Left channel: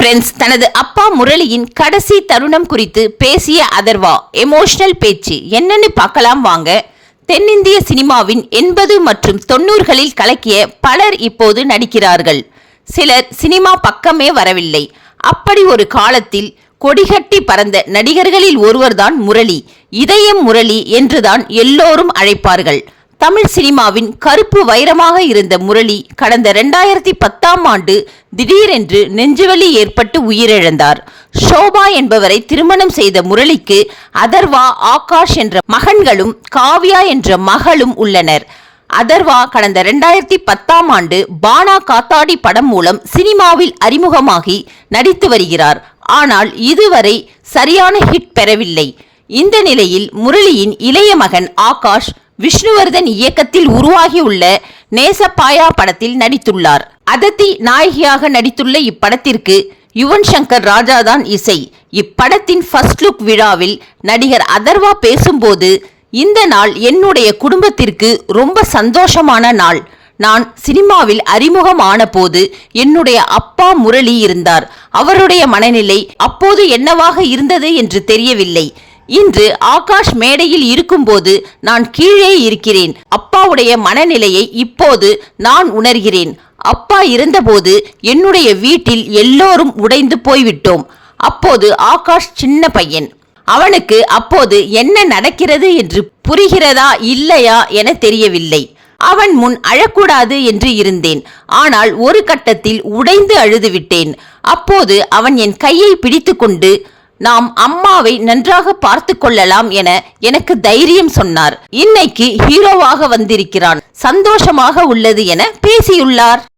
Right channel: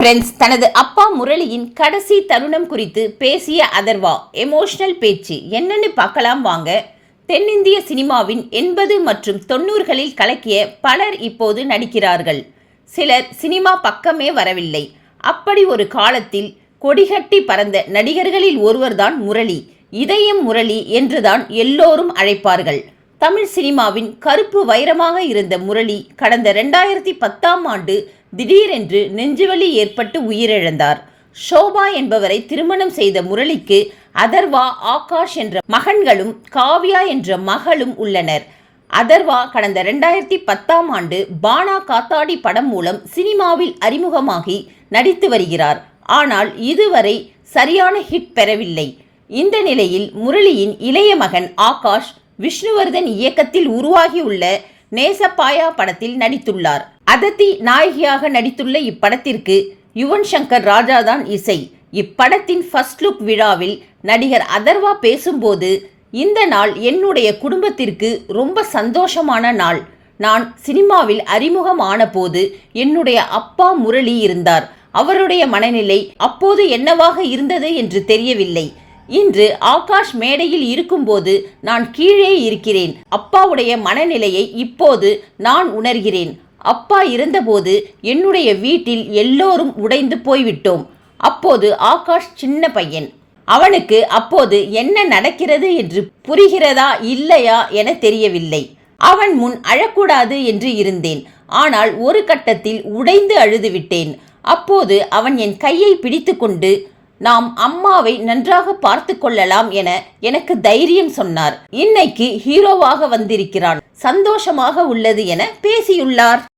Prince தனது அப்பா முரளியின் கடைசி தருணம் குறித்து பேசிய அதர்வா எமோஷனல் பேச்சு என்னன்னு பார்க்கலாம் வாங்க. தென்னிந்திய சினிமாவின் 80 மற்றும் 90களில் கலக்கிய பலர் இப்போது நடிக்கிறார்கள். சிலர் சினிமா பக்கமே வரவில்லை. அப்படி ஒரு காலத்தில் கொடிகட்டி பறந்த நடிகர்களில் ஒருவர்தான் முரளி. இதயம் முரளி என்றுதான் எல்லோரும் அழைப்பார்கள். தமிழ் சினிமாவின் கருப்பு வைரமாக இருந்த முரளி கடந்த 2010ஆம் ஆண்டு திடீரென்று நெஞ்சுவலி ஏற்பட்டு உயிரிழந்தார். ஷோபா என்பவரை திருமணம் செய்த முரளிக்கு அதர்வா, ஆகாஷ் என்ற மகன்களும் காவ்யா என்ற மகளும் உள்ளனர். அதர்வா கடந்த 2010ஆம் ஆண்டு பானா காத்தாடி படம் மூலம் சினிமாவில் அறிமுகமாகி நடித்து வருகிறார். ஆனால் இதுவரை சரியான ஹிட் பெறவில்லை. இந்த நிலையில் முரளியின் இளைய மகன் ஆகாஷ் விஷ்ணுவர்தன் இயக்கத்தில் உருவாகியுள்ள நேசப்பாயா படத்தில் நடித்துள்ளார். அதத்தி நாயகியாக நடித்துள்ள இப்படத்திற்கு யுவன் சங்கர் ராஜா தான் இசை. இப்படத்தின் ஃபர்ஸ்ட் லுக் விழாவில் நடிகர் அதர்வா பேசும்போது, இந்த நாள் என்னுடைய குடும்பத்திற்கு ரொம்ப சந்தோஷமான நாள். நான் சினிமாவில் அறிமுகம் ஆன போது என்னுடைய அப்பா முரளி இருந்தார். அவருடைய மனநிலை அப்போது என்னவாக இருந்தது என்று தெரியவில்லை. இன்று ஆகாஷ் மேடையில் இருக்கும்போது நான் கீழே இருக்கிறேன். அப்பாவுடைய மனநிலையை இப்போது நான் உணர்கிறேன். அப்பா இருந்தபோது என்னுடைய வீட்டில் எல்லோரும் உடைந்து போய்விட்டோம். அப்போது ஆகாஷ் சின்ன பையன். அவனுக்கு அப்போது என்ன நடக்கிறது என்று புரிகிறதா இல்லையா என தெரியவில்லை. அவன் முன் அழக்கூடாது என்று இருந்தேன். ஆனால் ஒரு கட்டத்தில் உடைந்து அழுதுவிட்டேன். அப்போது அவன் என் கையை பிடித்து கொண்டு, நாம் அம்மாவை நன்றாக பார்த்து கொள்ளலாம் என எனக்கு தைரியம் சொன்னார். இன்னைக்கு ஹீரோவாக வந்திருக்கிறான், சந்தோஷமாக உள்ளது என பேசியுள்ளார்.